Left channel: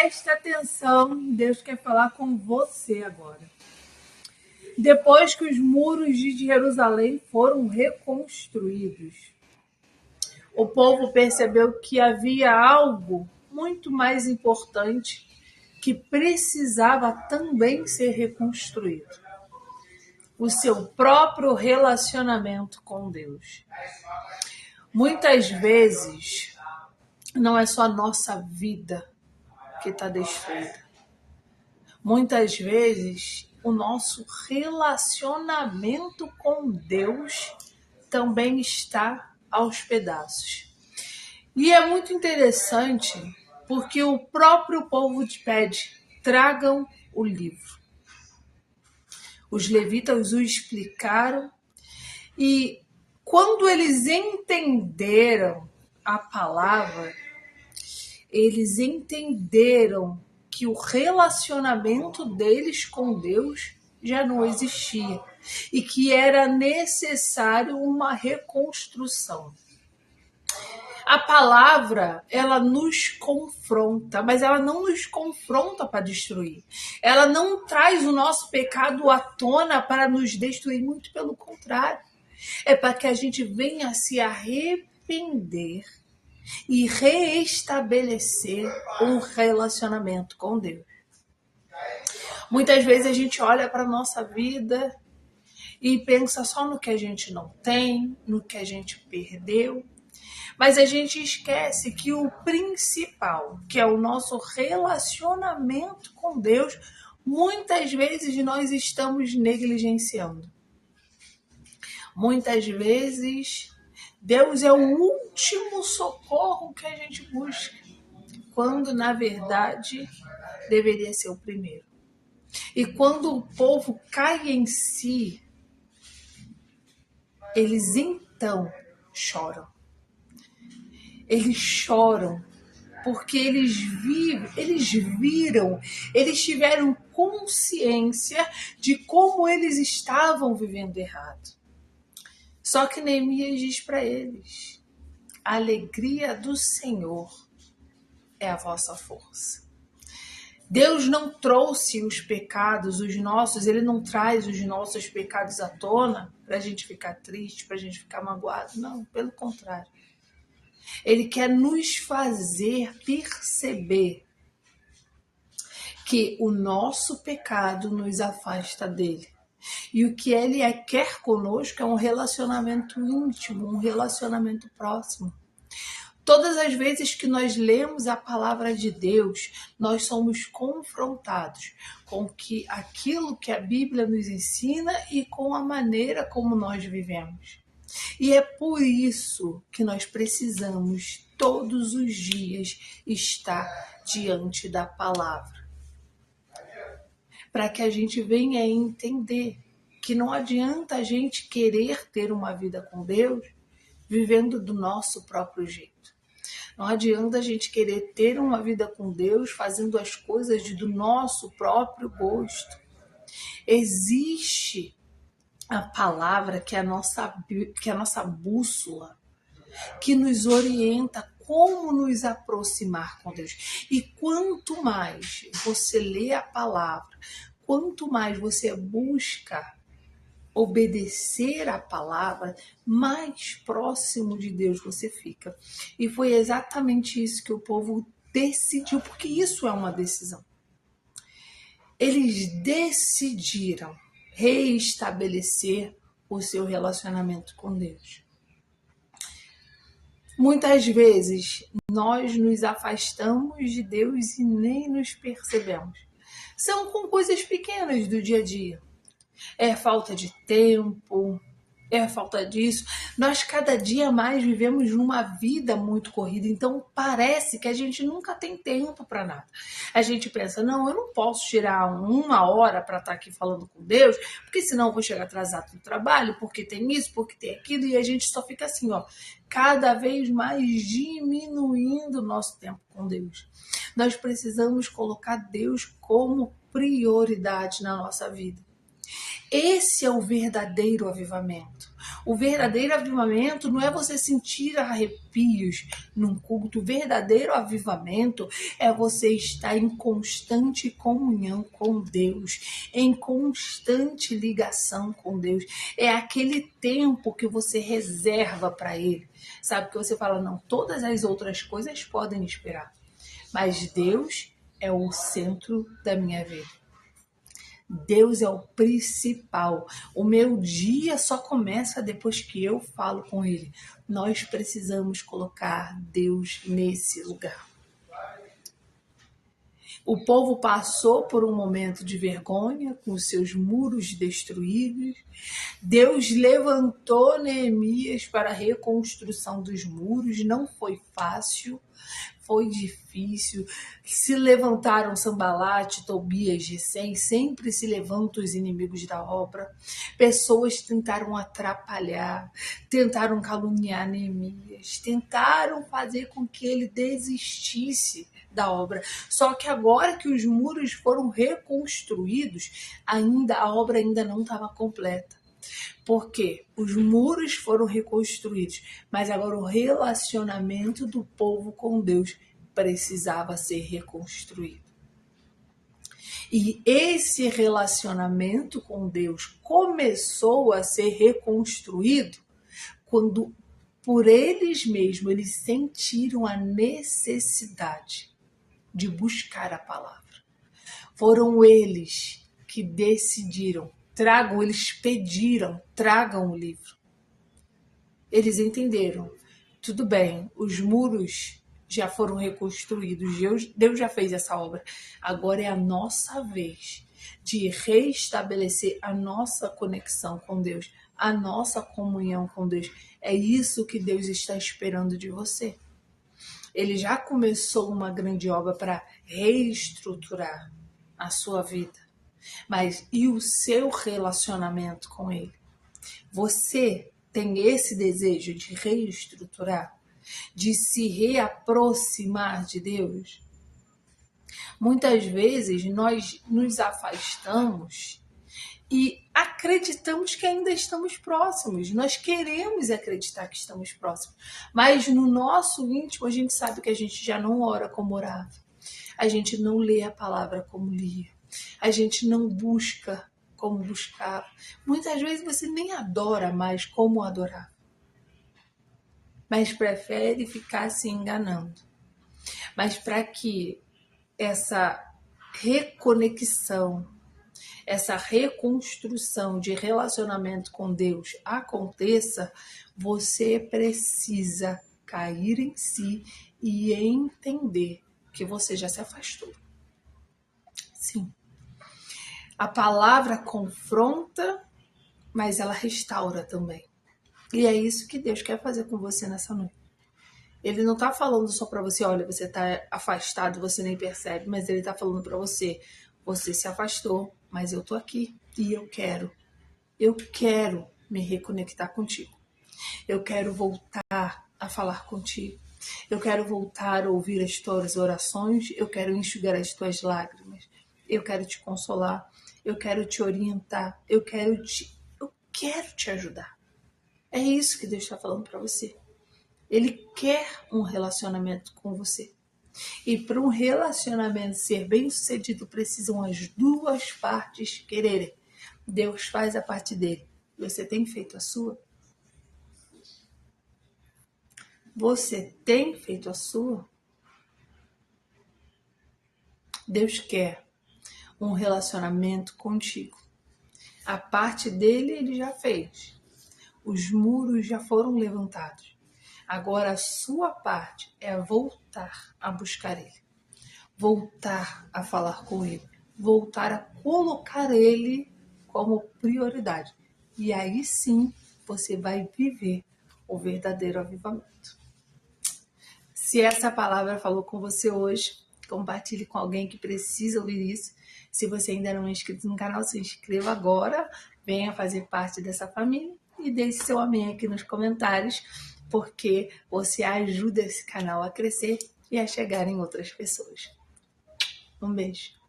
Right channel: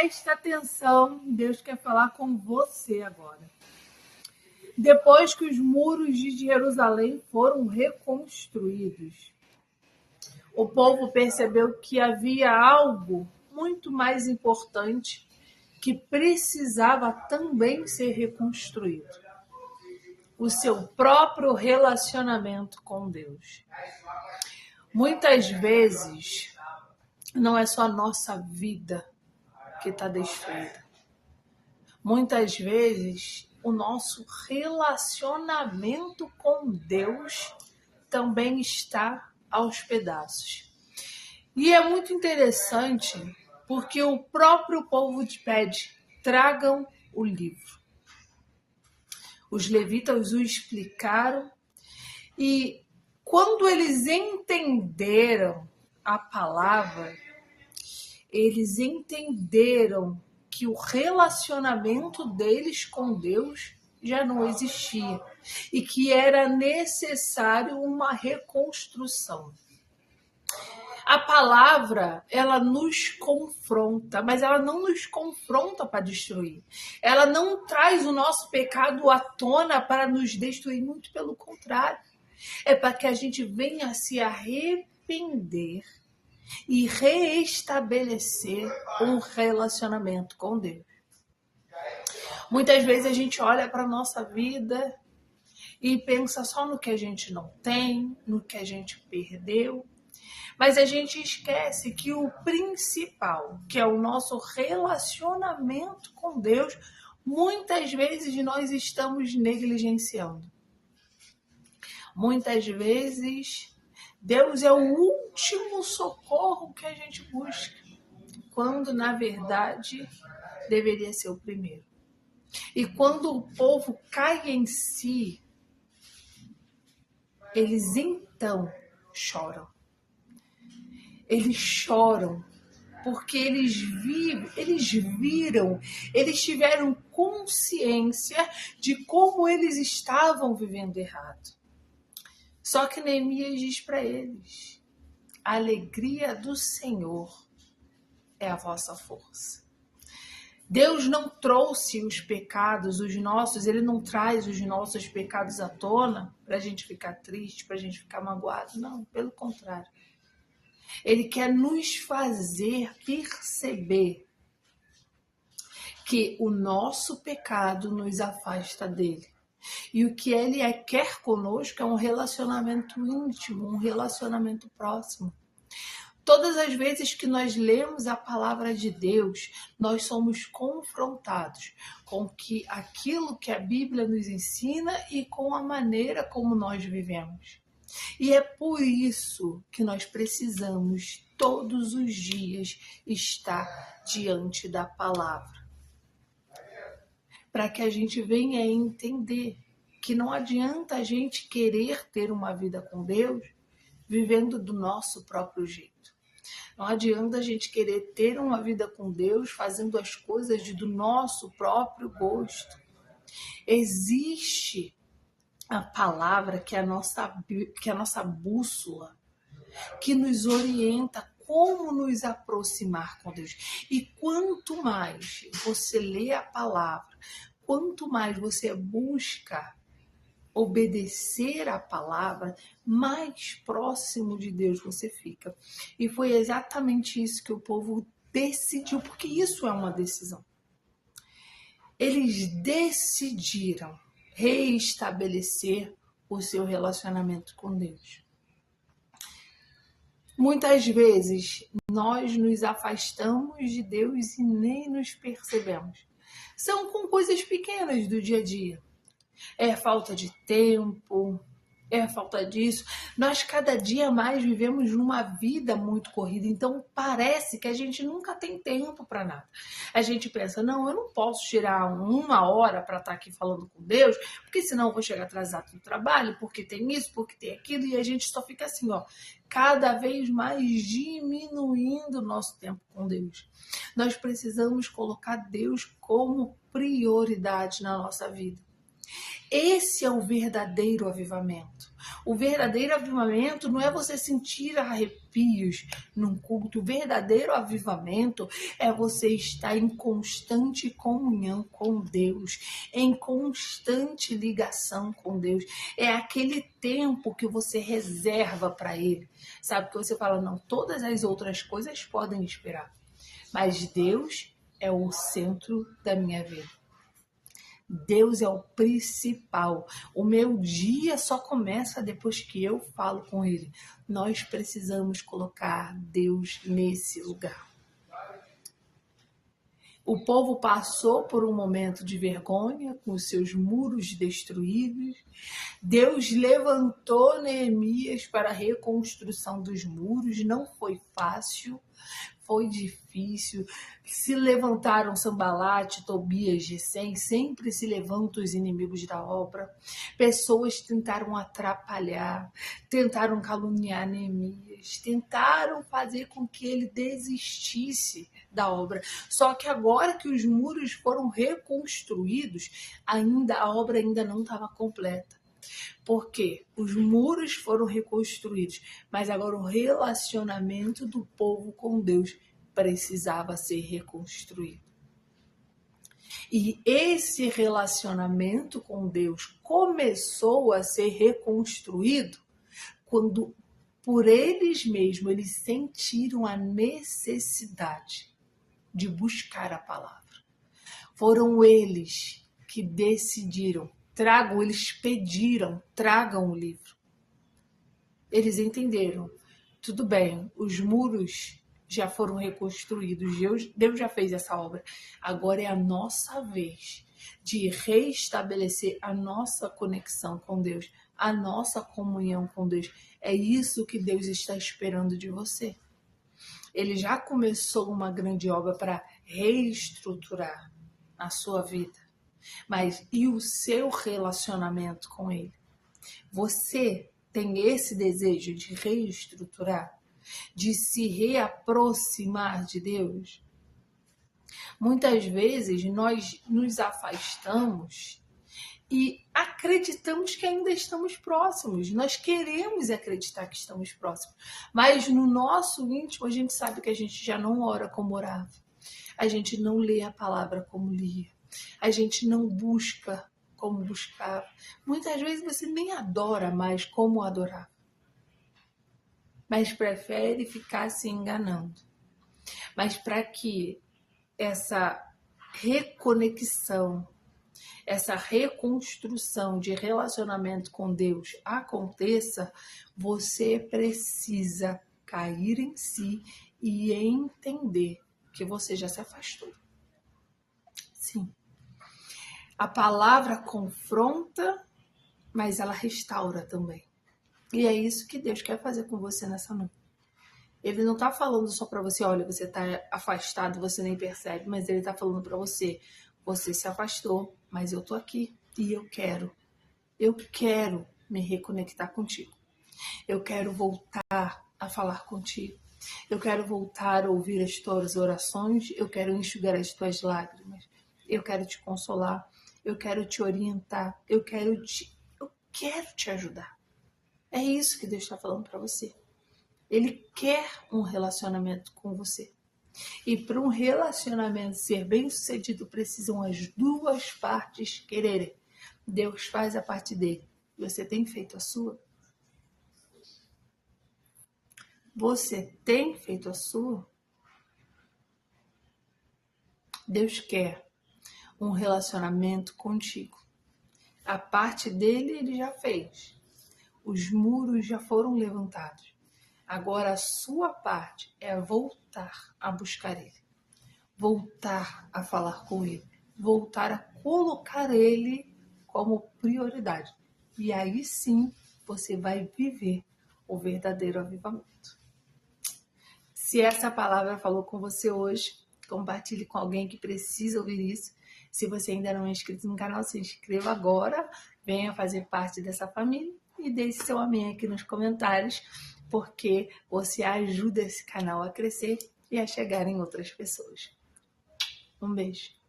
Presta atenção, Deus quer falar com você agora. Depois que os muros de Jerusalém foram reconstruídos, o povo percebeu que havia algo muito mais importante que precisava também ser reconstruído: o seu próprio relacionamento com Deus. Muitas vezes, não é só a nossa vida que está destruída. Muitas vezes, o nosso relacionamento com Deus também está aos pedaços. E é muito interessante porque o próprio povo te pede: tragam o livro. Os levitas o explicaram e quando eles entenderam a palavra, eles entenderam que o relacionamento deles com Deus já não existia e que era necessário uma reconstrução. A palavra, ela nos confronta, mas ela não nos confronta para destruir. Ela não traz o nosso pecado à tona para nos destruir, muito pelo contrário. É para que a gente venha se arrepender e reestabelecer um relacionamento com Deus. Muitas vezes a gente olha para a nossa vida e pensa só no que a gente não tem, no que a gente perdeu, mas a gente esquece que o principal, que é o nosso relacionamento com Deus, muitas vezes nós estamos negligenciando. Muitas vezes Deus é o último socorro que a gente busca, quando na verdade deveria ser o primeiro. E quando o povo cai em si, eles então choram. Eles choram porque eles viram, eles tiveram consciência de como eles estavam vivendo errado. Só que Neemias diz para eles: a alegria do Senhor é a vossa força. Deus não trouxe os pecados, os nossos, Ele não traz os nossos pecados à tona para a gente ficar triste, para a gente ficar magoado. Não, pelo contrário. Ele quer nos fazer perceber que o nosso pecado nos afasta dele. E o que ele quer conosco é um relacionamento íntimo, um relacionamento próximo. Todas as vezes que nós lemos a palavra de Deus, nós somos confrontados com aquilo que a Bíblia nos ensina e com a maneira como nós vivemos. E é por isso que nós precisamos todos os dias estar diante da palavra. Para que a gente venha entender que não adianta a gente querer ter uma vida com Deus vivendo do nosso próprio jeito. Não adianta a gente querer ter uma vida com Deus fazendo as coisas do nosso próprio gosto. Existe a palavra que é a nossa bússola, que nos orienta como nos aproximar com Deus. E quanto mais você lê a palavra, quanto mais você busca obedecer a palavra, mais próximo de Deus você fica. E foi exatamente isso que o povo decidiu, porque isso é uma decisão. Eles decidiram reestabelecer o seu relacionamento com Deus. Muitas vezes nós nos afastamos de Deus e nem nos percebemos. São com coisas pequenas do dia a dia. É falta de tempo, é falta disso. Nós cada dia mais vivemos numa vida muito corrida, então parece que a gente nunca tem tempo para nada. A gente pensa: não, eu não posso tirar 1 hora para estar aqui falando com Deus, porque senão eu vou chegar atrasado no trabalho, porque tem isso, porque tem aquilo, e a gente só fica assim, cada vez mais diminuindo o nosso tempo com Deus. Nós precisamos colocar Deus como prioridade na nossa vida. Esse é o verdadeiro avivamento. O verdadeiro avivamento não é você sentir arrepios num culto. O verdadeiro avivamento é você estar em constante comunhão com Deus, em constante ligação com Deus. É aquele tempo que você reserva para Ele. Sabe, que você fala, não, todas as outras coisas podem esperar, mas Deus é o centro da minha vida. Deus é o principal. O meu dia só começa depois que eu falo com Ele. Nós precisamos colocar Deus nesse lugar. O povo passou por um momento de vergonha, com os seus muros destruídos. Deus levantou Neemias para a reconstrução dos muros. Não foi fácil. Foi difícil, se levantaram Sanbalate, Tobias, Gesem, sempre se levantam os inimigos da obra. Pessoas tentaram atrapalhar, tentaram caluniar Neemias, tentaram fazer com que ele desistisse da obra. Só que agora que os muros foram reconstruídos, a obra ainda não estava completa. Porque os muros foram reconstruídos, mas agora o relacionamento do povo com Deus precisava ser reconstruído. E esse relacionamento com Deus começou a ser reconstruído quando, por eles mesmos, eles sentiram a necessidade de buscar a palavra. Foram eles que decidiram. Eles pediram, tragam o livro. Eles entenderam. Tudo bem, os muros já foram reconstruídos, Deus já fez essa obra. Agora é a nossa vez de reestabelecer a nossa conexão com Deus, a nossa comunhão com Deus. É isso que Deus está esperando de você. Ele já começou uma grande obra para reestruturar a sua vida. Mas e o seu relacionamento com Ele? Você tem esse desejo de reestruturar, de se reaproximar de Deus? Muitas vezes nós nos afastamos e acreditamos que ainda estamos próximos. Nós queremos acreditar que estamos próximos, mas no nosso íntimo a gente sabe que a gente já não ora como orava, a gente não lê a palavra como lia. A gente não busca como buscava. Muitas vezes você nem adora mais como adorar, mas prefere ficar se enganando. Mas para que essa reconexão, essa reconstrução de relacionamento com Deus aconteça, você precisa cair em si e entender que você já se afastou. Sim. A palavra confronta, mas ela restaura também. E é isso que Deus quer fazer com você nessa noite. Ele não está falando só para você, olha, você está afastado, você nem percebe, mas ele está falando para você, você se afastou, mas eu estou aqui e eu quero me reconectar contigo. Eu quero voltar a falar contigo. Eu quero voltar a ouvir as tuas orações, eu quero enxugar as tuas lágrimas. Eu quero te consolar, eu quero te orientar, eu quero te ajudar. É isso que Deus está falando para você. Ele quer um relacionamento com você. E para um relacionamento ser bem sucedido, precisam as duas partes quererem. Deus faz a parte dele. Você tem feito a sua? Você tem feito a sua? Deus quer um relacionamento contigo. A parte dele ele já fez. Os muros já foram levantados. Agora a sua parte é voltar a buscar ele. Voltar a falar com ele. Voltar a colocar ele como prioridade. E aí sim você vai viver o verdadeiro avivamento. Se essa palavra falou com você hoje, compartilhe com alguém que precisa ouvir isso. Se você ainda não é inscrito no canal, se inscreva agora, venha fazer parte dessa família e deixe seu amém aqui nos comentários, porque você ajuda esse canal a crescer e a chegar em outras pessoas. Um beijo.